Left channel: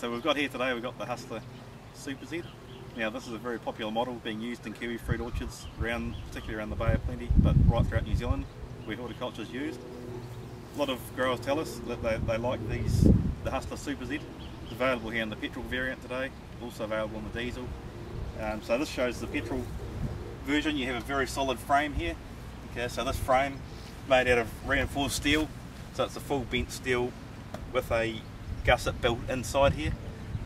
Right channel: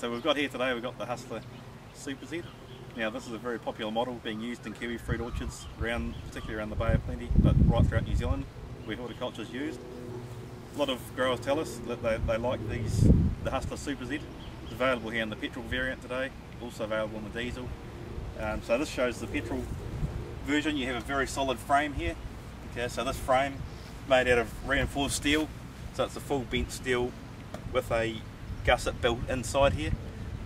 So we've got here today, we've got the Hustler Super Z. Now this is a very popular model being used in kiwi fruit orchards, particularly around the Bay of Plenty, but right throughout New Zealand where horticulture is used. A lot of growers tell us that they like the Hustler Super Z. It's available here in the petrol variant today, also available in the diesel. So this shows the petrol version. You have a very solid frame here. Okay, so this frame made out of reinforced steel, so it's a full bent steel with a gusset built inside here,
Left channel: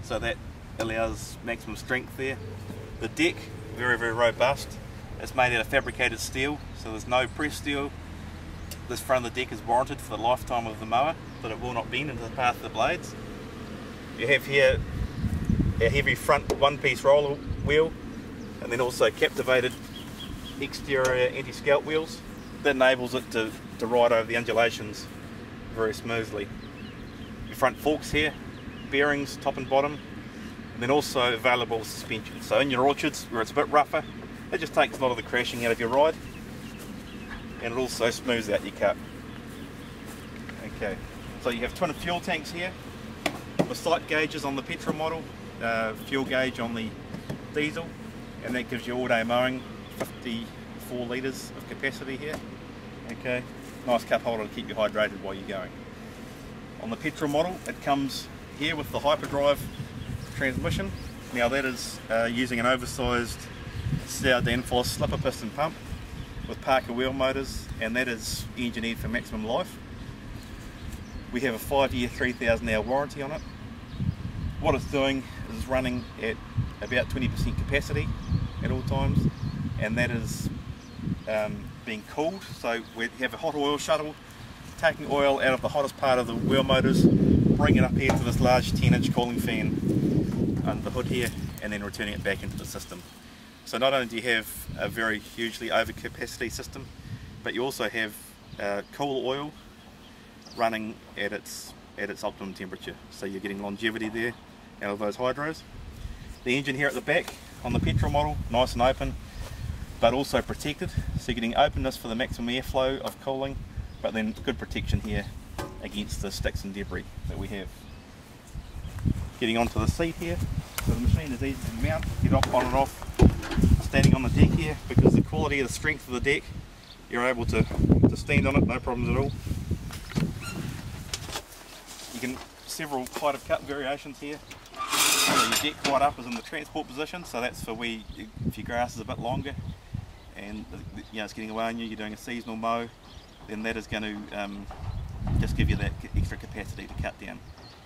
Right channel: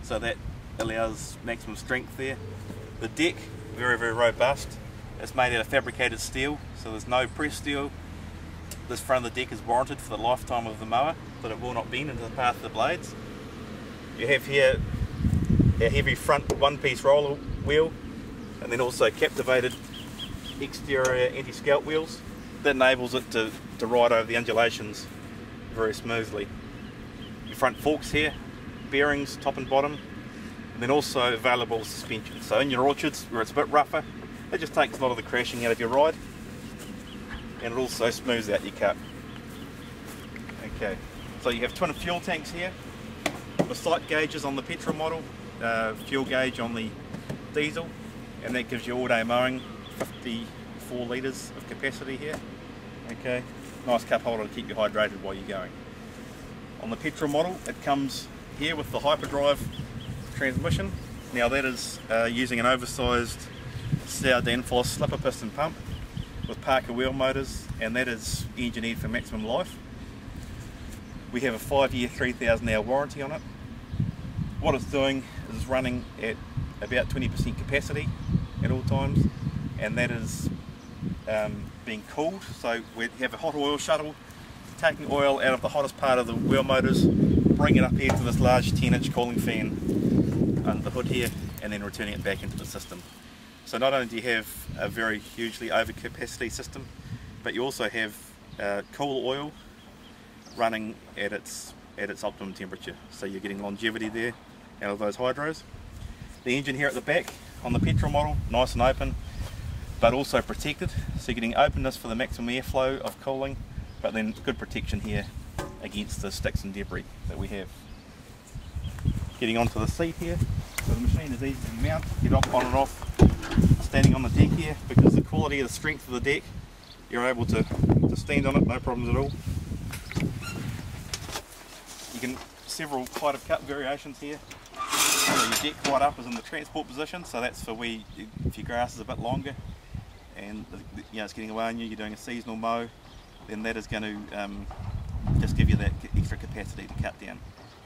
so that allows maximum strength there. The deck, very robust. It's made out of fabricated steel, so there's no pressed steel. This front of the deck is warranted for the lifetime of the mower, that it will not bend into the path of the blades. You have here a heavy front one-piece roller wheel, and then also captivated exterior anti-scalp wheels. That enables it to ride over the undulations very smoothly. Your front forks here, bearings top and bottom, and then also available suspension. So in your orchards where it's a bit rougher, it just takes a lot of the crashing out of your ride, and it also smooths out your cut. Okay, so you have twin fuel tanks here with sight gauges on the petrol model, fuel gauge on the diesel, and that gives you all day mowing, 54 litres of capacity here. Okay, nice cup holder to keep you hydrated while you're going. On the petrol model, it comes here with the hyperdrive transmission. Now that is using an oversized Sauer Danfoss slipper piston pump with Parker wheel motors, and that is engineered for maximum life. We have a 5-year 3,000 hour warranty on it. What it's doing is running at about 20% capacity at all times, and that is being cooled. So we have a hot oil shuttle taking oil out of the hottest part of the wheel motors, bringing it up here to this large 10-inch cooling fan under the hood here, and then returning it back into the system. So not only do you have a very hugely overcapacity system, but you also have cool oil running at its optimum temperature. So you're getting longevity there out of those hydros. The engine here at the back on the petrol model, nice and open, but also protected. So you're getting openness for the maximum airflow of cooling, but then good protection here against the sticks and debris that we have. Getting onto the seat here, so the machine is easy to mount, get on and off, standing on the deck here, because the quality of the strength of the deck, you're able to stand on it, no problems at all. You can several height of cut variations here. So your deck right up is in the transport position, so that's for where if your grass is a bit longer and it's getting away on you, you're doing a seasonal mow, then that is going to just give you that extra capacity to cut down.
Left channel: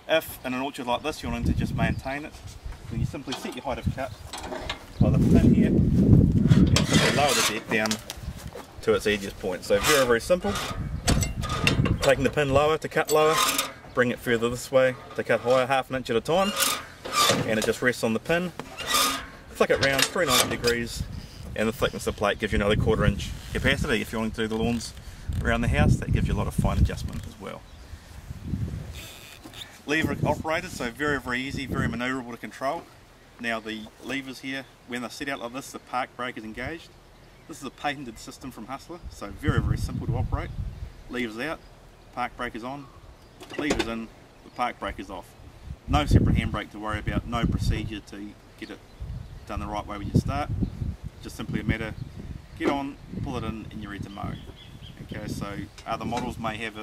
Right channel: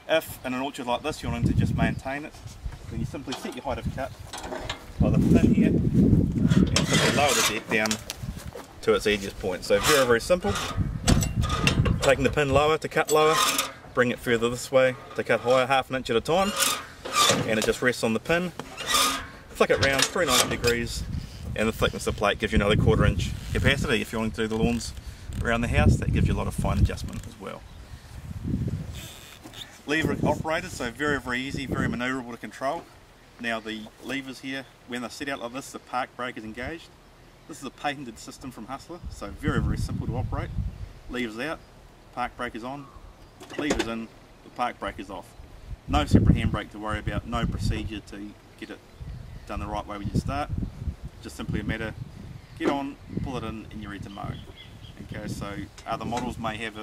If in an orchard like this you're wanting to just maintain it, then you simply set your height of cut by the pin here and simply lower the deck down to its edgiest point. So very simple. Taking the pin lower to cut lower, bring it further this way to cut higher, half an inch at a time, and it just rests on the pin. Flick it round 390 degrees, and the thickness of the plate gives you another 1/4 inch capacity. If you want to do the lawns around the house, that gives you a lot of fine adjustment as well. Lever operated, so very easy, very manoeuvrable to control. Now the levers here, when they're set out like this, the park brake is engaged. This is a patented system from Hustler, so very simple to operate. Levers out, park brake is on, levers in, the park brake is off. No separate handbrake to worry about, no procedure to get it done the right way when you start. Just simply a matter, get on, pull it in, and you're ready to mow. Okay, so other models may have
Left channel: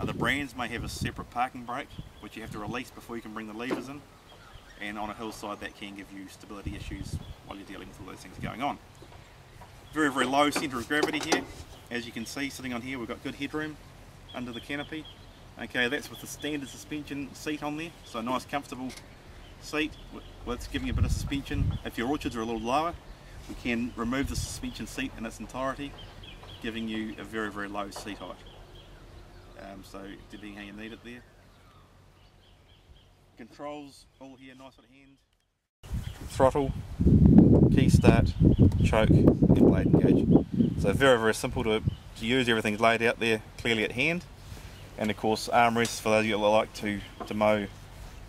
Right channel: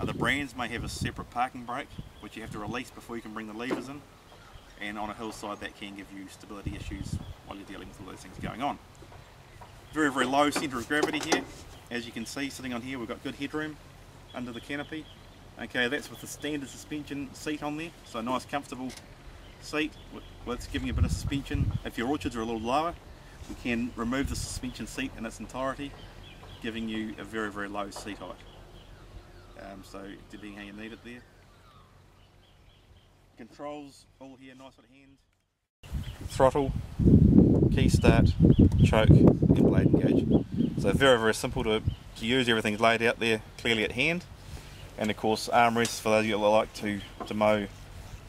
other brands may have a separate parking brake, which you have to release before you can bring the levers in. And on a hillside that can give you stability issues while you're dealing with all those things going on. Very low centre of gravity here. As you can see, sitting on here, we've got good headroom under the canopy. Okay, that's with the standard suspension seat on there, so a nice comfortable seat with giving a bit of suspension. If your orchards are a little lower, we can remove the suspension seat in its entirety, giving you a very low seat height. So depending how you need it there. Controls all here, nice at hand. Throttle, key start, choke, and blade engage. So very simple to use. Everything's laid out there clearly at hand. And of course armrests for those of you that like to mow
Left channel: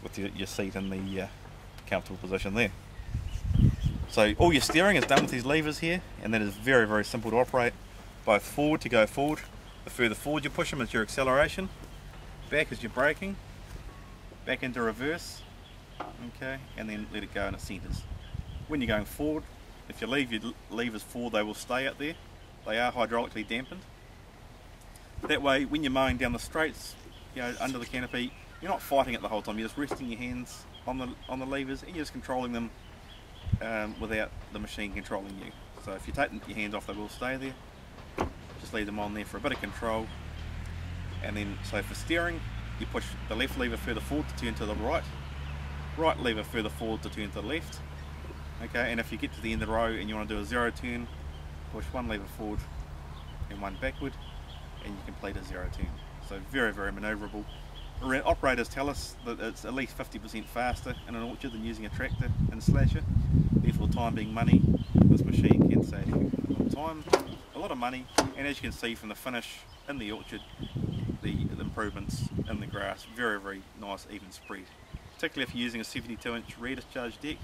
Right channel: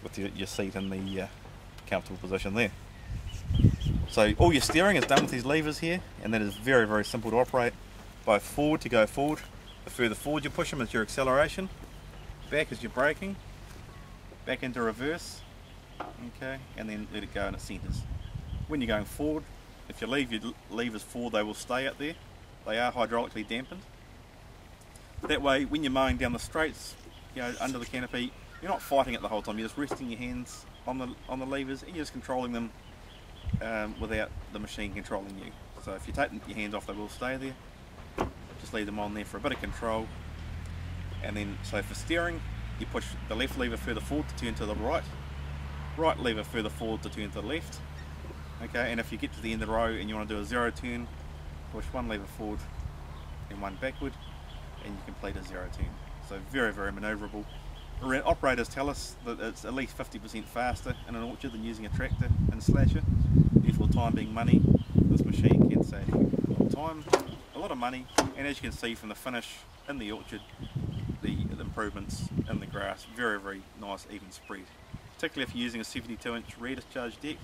with your seat in the comfortable position there. So all your steering is done with these levers here, and that is very simple to operate. Both forward to go forward, the further forward you push them is your acceleration, back is your braking, back into reverse, okay, and then let it go and it centres. When you're going forward, if you leave your levers forward, they will stay up there. They are hydraulically dampened. That way, when you're mowing down the straights, you know, under the canopy, you're not fighting it the whole time. You're just resting your hands on the levers, and you're just controlling them without the machine controlling you. So if you take your hands off, they will stay there. Just leave them on there for a bit of control. And then, so for steering, you push the left lever further forward to turn to the right, right lever further forward to turn to the left. Okay, and if you get to the end of the row and you want to do a zero turn, push one lever forward and one backward, and you complete a zero turn. So very, very manoeuvrable. Operators tell us that it's at least 50% faster in an orchard than using a tractor and slasher. Therefore, time being money, this machine can save you a lot of time, a lot of money, and as you can see from the finish in the orchard, the improvements in the grass, very, very nice even spread. Particularly if you're using a 72-inch rear discharge deck,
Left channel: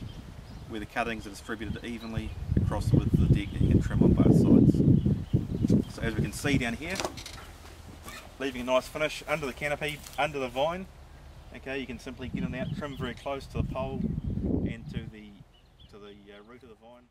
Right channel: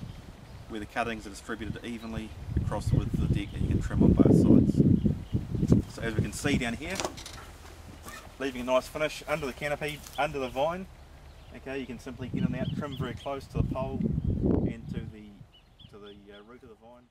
where the cuttings are distributed evenly across the width of the deck and you can trim on both sides. So as we can see down here, leaving a nice finish under the canopy, under the vine. Okay, you can simply get in out, trim very close to the pole and to the root of the vine.